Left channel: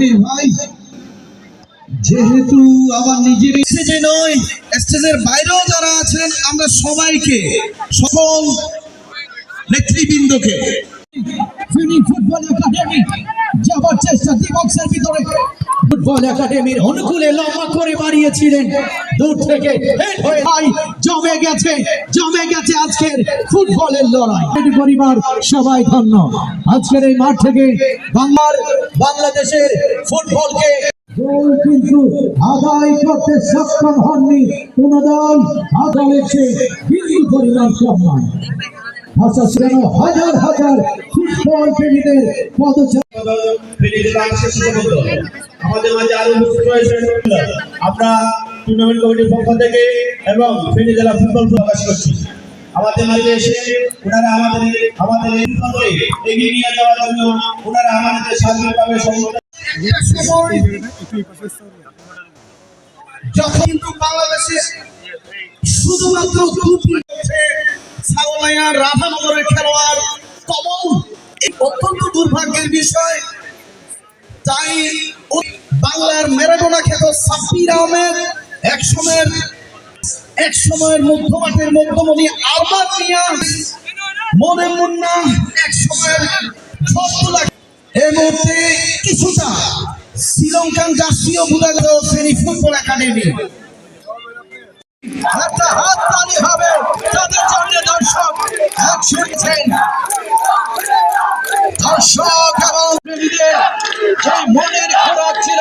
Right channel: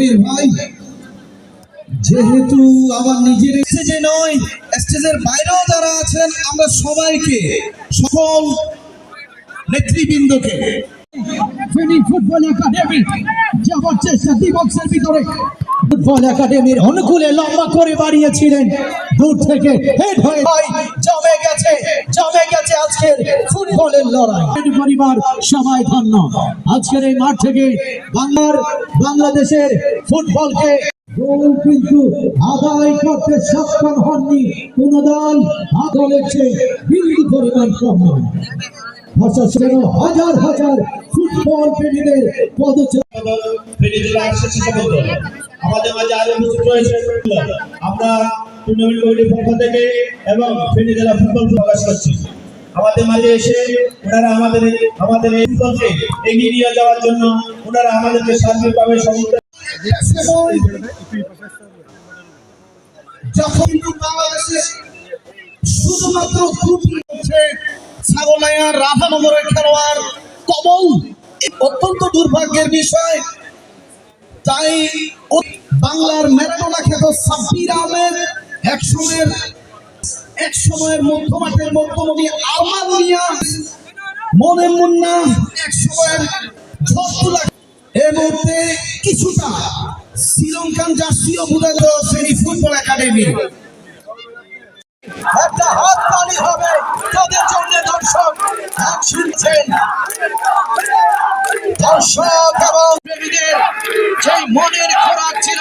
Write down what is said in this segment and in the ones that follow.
কবির ভাই, যেহেতু আমার নিজের স্টেজে নয়, স্টেজের বাইরেও যারা আছেন, আমরা সবাইকে, সকল নেতৃবৃন্দকে ফেনী ফুটবল একাডেমি যাবার চেষ্টা দিবক্সের ভিতরে, ফুটবল একাডেমির অনুকূলে লম্বা করে বাড়িয়েছিলেন। দূর থেকে হেড হয়ে ভাই, জমে গেছে জমে গেছে আজকের ফুটবলের লড়াই। পরিবার সবাই ধন্য। আজকের এই মাঠ থেকে বাংলার, বাংলাদেশের ফুটবলকে কিন্তু আদায় করতে সক্ষম হননি পরিমাণ হাজার আমরা টুর্নামেন্ট কমিটির পক্ষ থেকে এবং ফেনী জেলা ফুটবল প্রকাশ করছি। আমাদের মাঝে এসে ওনারা আমাদের আমাদের ফুটবলকে এগিয়ে নিয়ে যাওয়ার জন্য ওনারা আমাদেরকে সার্বিকভাবে সহযোগিতা যখন বাংলাদেশে শুধুমাত্র দুটি হচ্ছে ছাগলাইয়া রাধানগরের খেলোয়াড় কমল অত্যন্ত দুর্ভাগ্যের বিষয়। তাই বাংলার ম্যারাডোনা খ্যাত সাব্বির আহমেদ এক সময়ের এক সময়ের মধ্যমাঠের মধ্যমণি আরমান মিয়া, মনে মুন্না, এক সময়ের এই মুহূর্তে কিছুটা শ্রীলঙ্কান জাতীয় গেল ফেনী ফুটবল একাডেমি। একটা হাত তালি হবে তাদের জন্য দর্শক, এক শুনছেন। দর্শক এবং প্রেমীদের যে মনের খোরাক ছিল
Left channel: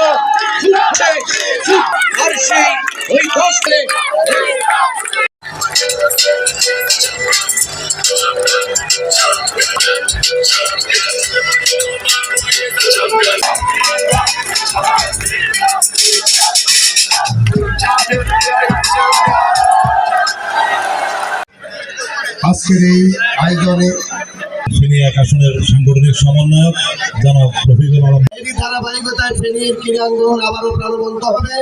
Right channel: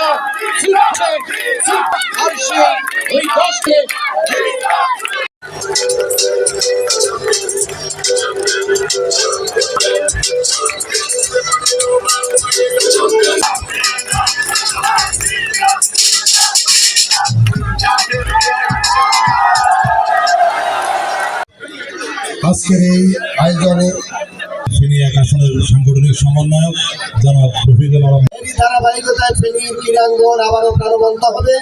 আজকের এই আয়োজনে তিনি এক আসনের সাংগঠনিক সমন্বয়ক জনাব রফিকুল আলম। ধারাবাহিকতায় ফেনীর ক্রীড়াঙ্গন আবারও প্রাণবন্ত হবে।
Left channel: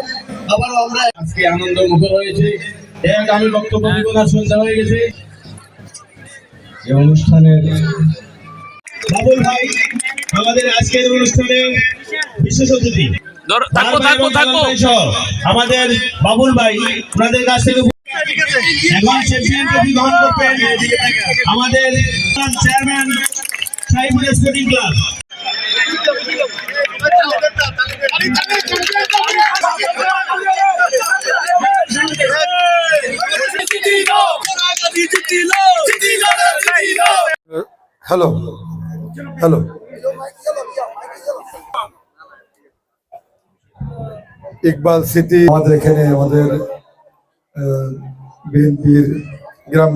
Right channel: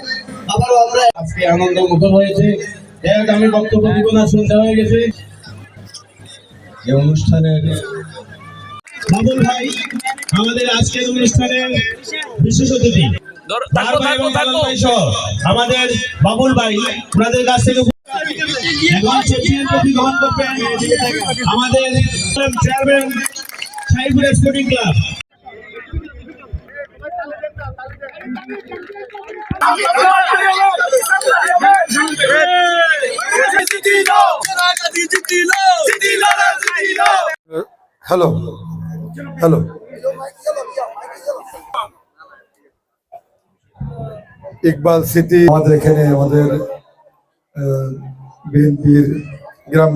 আবারও আমরা আজকে আনন্দ মুখর হয়েছে এক আমি বক্তব্য দিব না শুনতে হয়ে গেছে এই অনুষ্ঠানের বাবুল ভাই আমাদের আজকের অনুষ্ঠানের বিশেষ অতিথি থাকব থাকব থাকব আমাদের বাবুল ভাই ওনাদের কাছ থেকে এখন চ্যাম্পিয়ন গ্রহণ করবেন আমাদের chairman Saiful sporting club hello hello Iqbal city আমাদের এখানে আমাদের বিএনপির গ্রাম